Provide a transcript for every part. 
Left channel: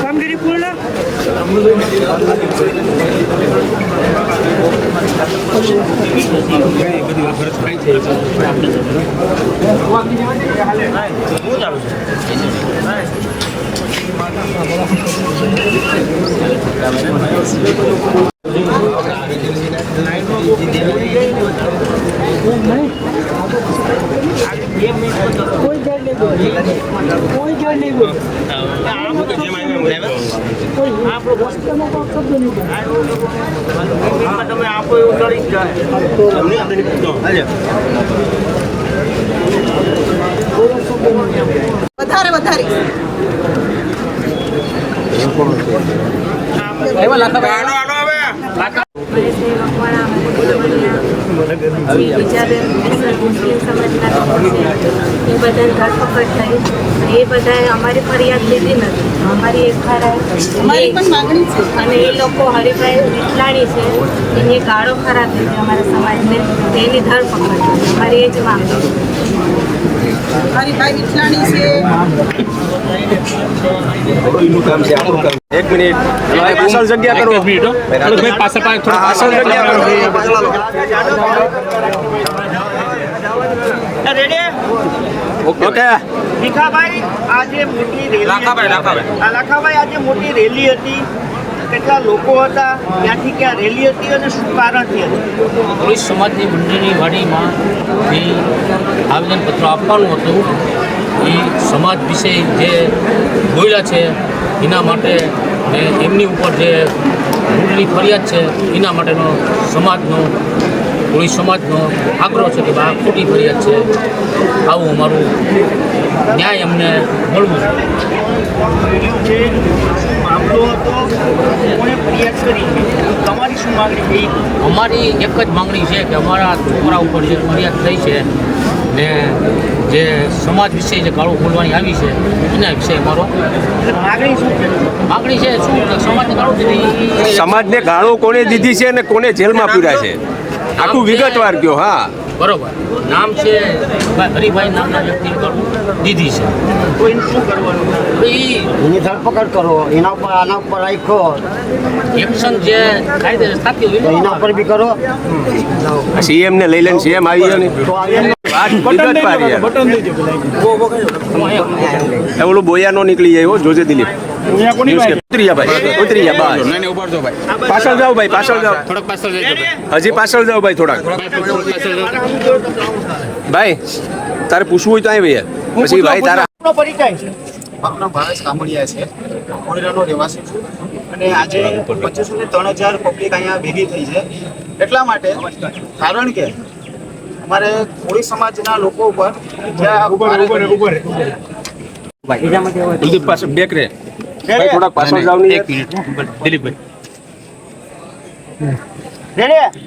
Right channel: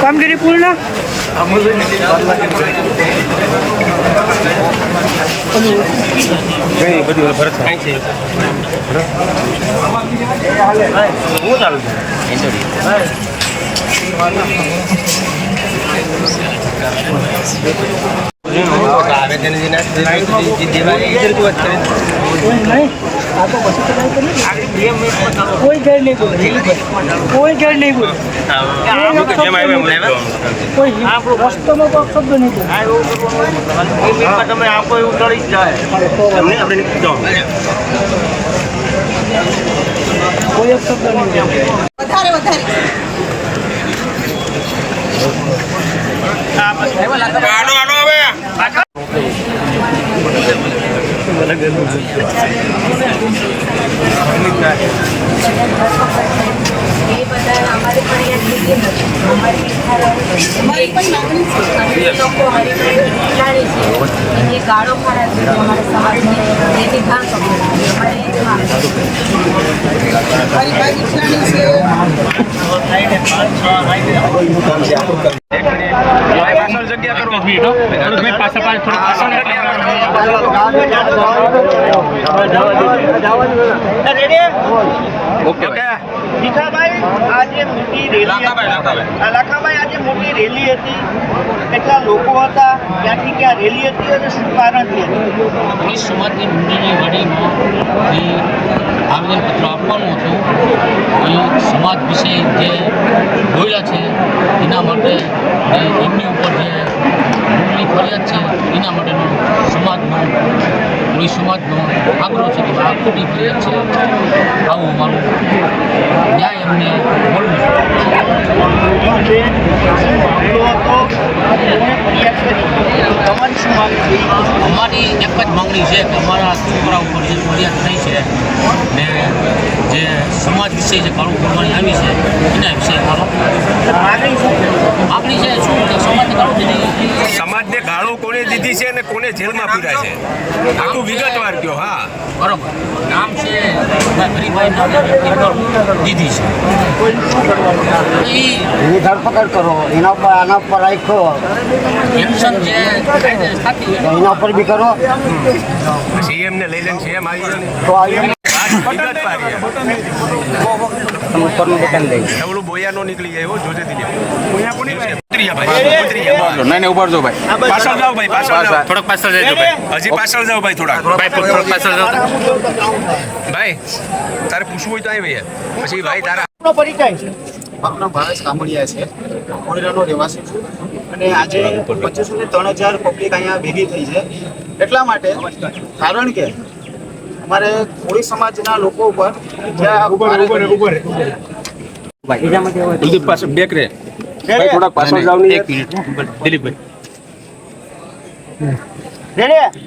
કામગીરી પૂર્ણ कोई गैर नहीं बोल कोई गैर नहीं बोल कोई रस्ते में कोई शब्द नहीं कोई शब्द नहीं વધારે વધારે આનો આનો હવે બધાને ધરપકડ થઈ એ બધા અમારી ફરિયાદ લીધી નથી અમારી અમારી પણ માંગણી છે અને એ લોકો હરિભાઈ લાણી છે એની ગાળો ખરાબ થઈ અમારા સમાજને એની ધરપકડ થઈ અમારી એ જ માંગણી હરિભાઈ લાણી છે એક મિનિટ પાછળ જગ્યા કરો એક મિનિટ હો થોડું ભાઈ પાછળ પાછળ જગ્યા રેડી ઓકે ભીખાભાઈ આજે મોટી રેલી લાખાભાઈ આજે મોટી રેલી હતી કેટલા લોકો હતા ક્યાંથી ક્યાં રેલી હતી અને શું કારણથી હતી પોલીસ સમાજની મંડળની વાડીમાં આવેદનપત્ર આપવાનું હતું એ સમાજ વિશે જે બોલ્યા છે એના માટે ને એમની ઉપર જે ભૂલની ફરિયાદ છે એના માટેનો સમાજનો પોલીસ સમાજનો આગ્રહ છે કે આ ખોટી ફરિયાદ છે આવું અમારું ન્યાય અમને મળવું છે મામલો હતો ફરિયાદ કરી તમારી શું માંગણી અમારી એક જ માંગણી છે કે અમારા છોકરા ઉપર જે ફરિયાદ થઈ છે ને જે સમાજ વિશે જે ગાળો બોલવાની આવી છે એના વિશે અમારો માગણી છે શું સમાજને ગાળો દીધી સમાજને ગાળો કોને દીધી છે અને કોને જેલમાં પૂર્યા છે આટલું વિગતવાર કયો હા બરોબર નામ છે હરિભાઈ નામના વ્યક્તિ દીધી છે તો એનું શું કરવાનું એની ધરપકડ કરો એના ઉપર આના ઉપર રાખો એક્શન જે કાયદે થતી હોય એના ઉપર બી કરો સીએમ ને લઈ લઈને સીએમ આવી ગયો ને તો આવી ઓલું બોયા નો નીકળી જાય જોજે દિલીપ પાછળ જાઓ ભાઈ પાછળ જાઓ થોડોક પાછળ જજો ભાઈ હજી પાછળ જાઓ ભાઈ થોડાક થોડોક પાછળ જાઓ ભાઈ તારે પૂછવું હોય તો અહીં ભાઈ પછી ભાઈ તારા નો પરિચય મારું નામ ભાવેશ કામડિયા છે, કોઈરાનો રહેવાસી છું અને આજે 2500 થી 3000 પબ્લિક અહીંયા ભેગી થઈ છે એટલા માટે કારણ કે અમારે કોળી સમાજના લોકો ઉપર કુલદીપ પાસે બેક રે ભાઈ થોડાક પાછળ જાવ ને 1 મિનિટ દિલીપભાઈ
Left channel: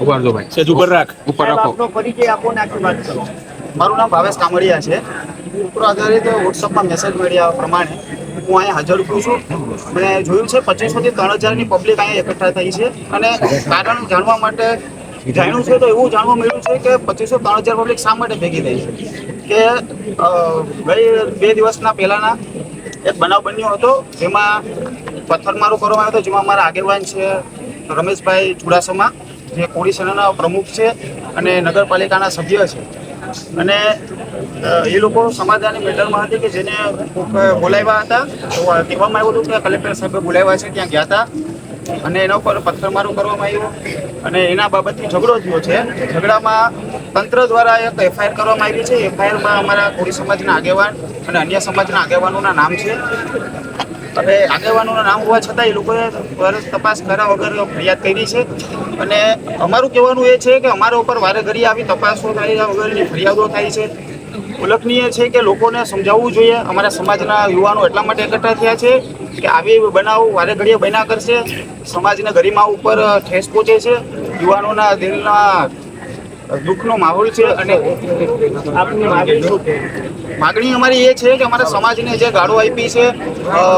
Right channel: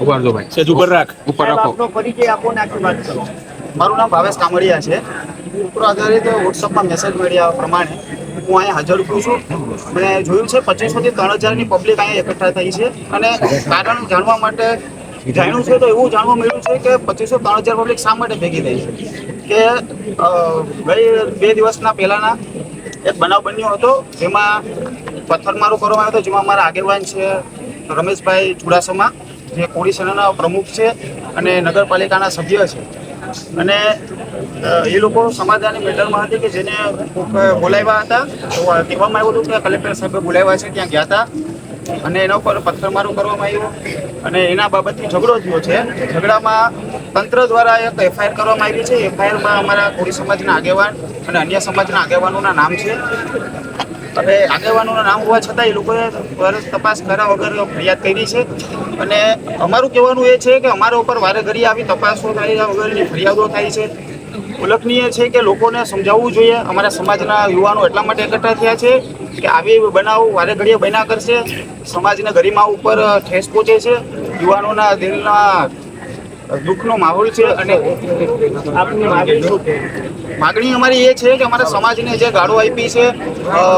ઉભા રહો ભાઈ સેજ ઉપર રાખ ઉપર રાખો આપનો પરિચય આપો ને આખી વાત કરો. મારું નામ ભાવેશ કામડિયા છે. ઉપર આધારિત વોટ્સઅપમાં મેસેજ મળ્યા પ્રમાણે હું અહીંયા હાજર છું. મેં જોયું છે 2500 થી 3000 ની પબ્લિક અહીંયા એકઠા થઈ છે અને કારણ જાણવા માટે જાણ્યું છે તો એવું જાણવા મળ્યું છે કે 2500 3000 પબ્લિક શા માટે ભેગી થઈ છે કે ગઈ 2 દિવસના પહેલાના એક બનાવ બન્યો હતો જેમાં પથ્થરમારો કરવામાં આવ્યો હતો, જેમાં અમારા આગેવાન છે રમેશભાઈ ચુડાસમા જે કોળી સેનાના પ્રમુખ છે અને નગરપાલિકાના સભ્ય છે અને એ લોકો સમાધાનની મેટરમાં હતી કે જેને બોલાવ્યા હતા તો કહેવામાં આવ્યું હતું કે કલેક્ટર સાહેબે બોલાવ્યા છે, ત્યાં ગયા હતા અને એના ઉપર પથ્થરમારો કરવામાં આવ્યો અને એના બાબતથી ઝઘડો થયો છે. ઝઘડામાં તંત્ર દ્વારા એક એફઆઈઆર કરવામાં આવી છે. એફઆઈઆરમાં અમારા કોળી સમાજના આગેવાન અને અન્ય સમાજના આગેવાનોના નામ છે. હવે આગેવાનોના નામ હોવા છતાં એ લોકોએ તપાસ કર્યા વગર ફરિયાદ કરી છે અને અમારું કહેવાનું એ છે કે અમારા ઉપર વારે ઘડી આવી તપાસો થાય વગરની ફરિયાદો થાય છે. ઉલ્લેખનીય છે કે લોકોને સમજાવવું જોઈએ. અમારા સમાજના યુવાનો એટલા માટે એકઠા થયા છે કે આવી બનાવ વારે ઘડીએ બન્યા કરશે, સમાજના ગરિમા ઉપર ઠેસ પહોંચે છે, યુવાનોના દિલના દુઃખનો માહોલ છે અને માગણી અમારી એ છે કે અમારા સમાજને જે ગાળો આપી છે,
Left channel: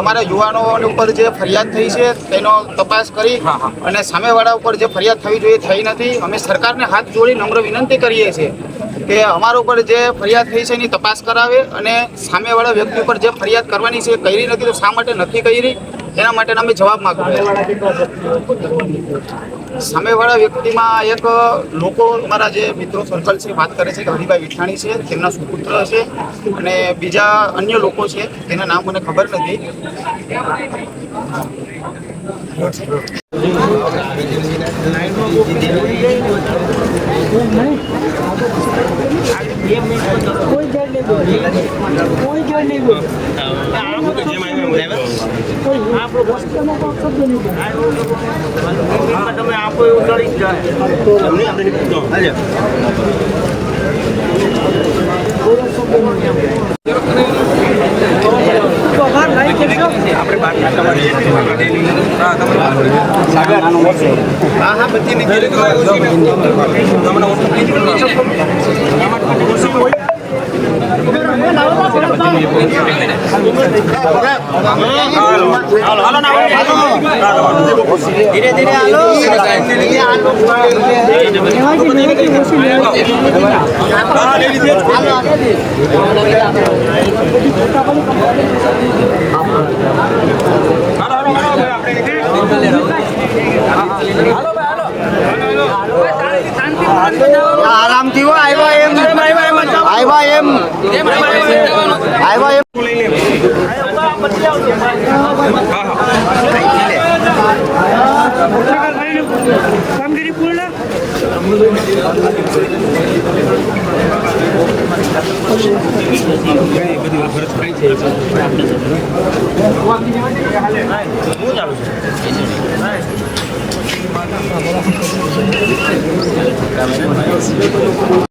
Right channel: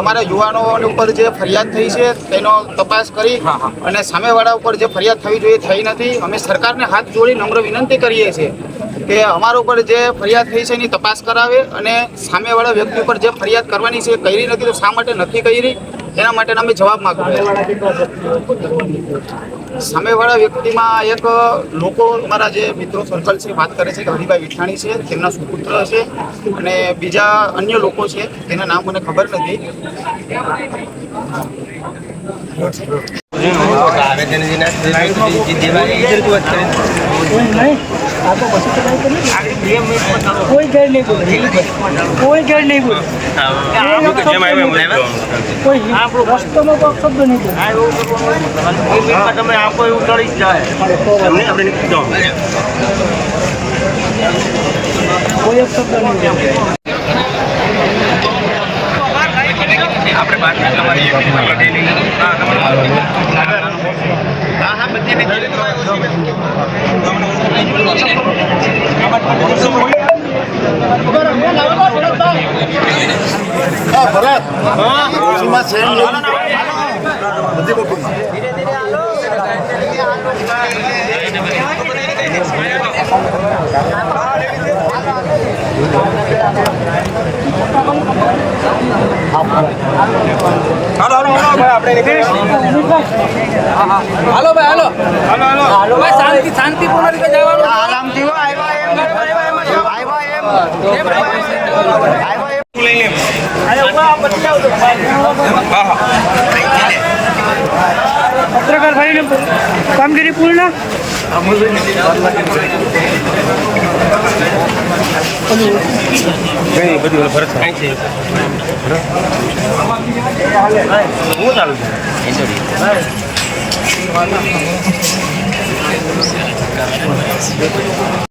અમારા યુવાનો ઉપર જે ફરિયાદ થઈ છે તેનો તપાસ કરી અને સામેવાળા ઉપર જે ફરિયાદ થવી જોઈએ થઈ નથી. અમે સરકારને હાથ જોડી નમ્ર વિનંતી કરીએ છીએ કે અમારા ઉપર જે ફરિયાદ થઈ છે એની તપાસ કરાવે અને સામેવાળા વ્યક્તિ ઉપર જે ફરિયાદ કરવાની છે કરી નથી તો શા માટે નથી કરી એના માટે અમે જવાબ માંગીએ. સામેવાળા વ્યક્તિમાં એક લોકો અમારા જે મિત્રો સર્કલ છે વાત કરે છે કે હરિભાઈ વિઠાણી છે, તેમના સુપુત્ર છે અને બીજા અન્ય લોકો છે તેના નામ મને ખબર નથી. કોઈ ઘર નહીં બોલે, કોઈ ઘર નહીં બોલે, કોઈ રસ્તોનો કોઈ શબ્દ નહીં બોલે. તમે આપો એવું કરી કોઈ શબ્દ નહીં બોલે. આપણે બાદ તમારી હા તમારો સાગર હા બધી ધીરે ધીરે હાલો ભાઈ હાલો ભાઈ શાંતિપૂર્ણ રીતે જવાનું આરામથી આવ્યા એમ લઈ લે પત્રકાર ભાઈની કામગીરી પૂર્ણ. બધું ફરજ કાંઈ છે હું ચાલુ છું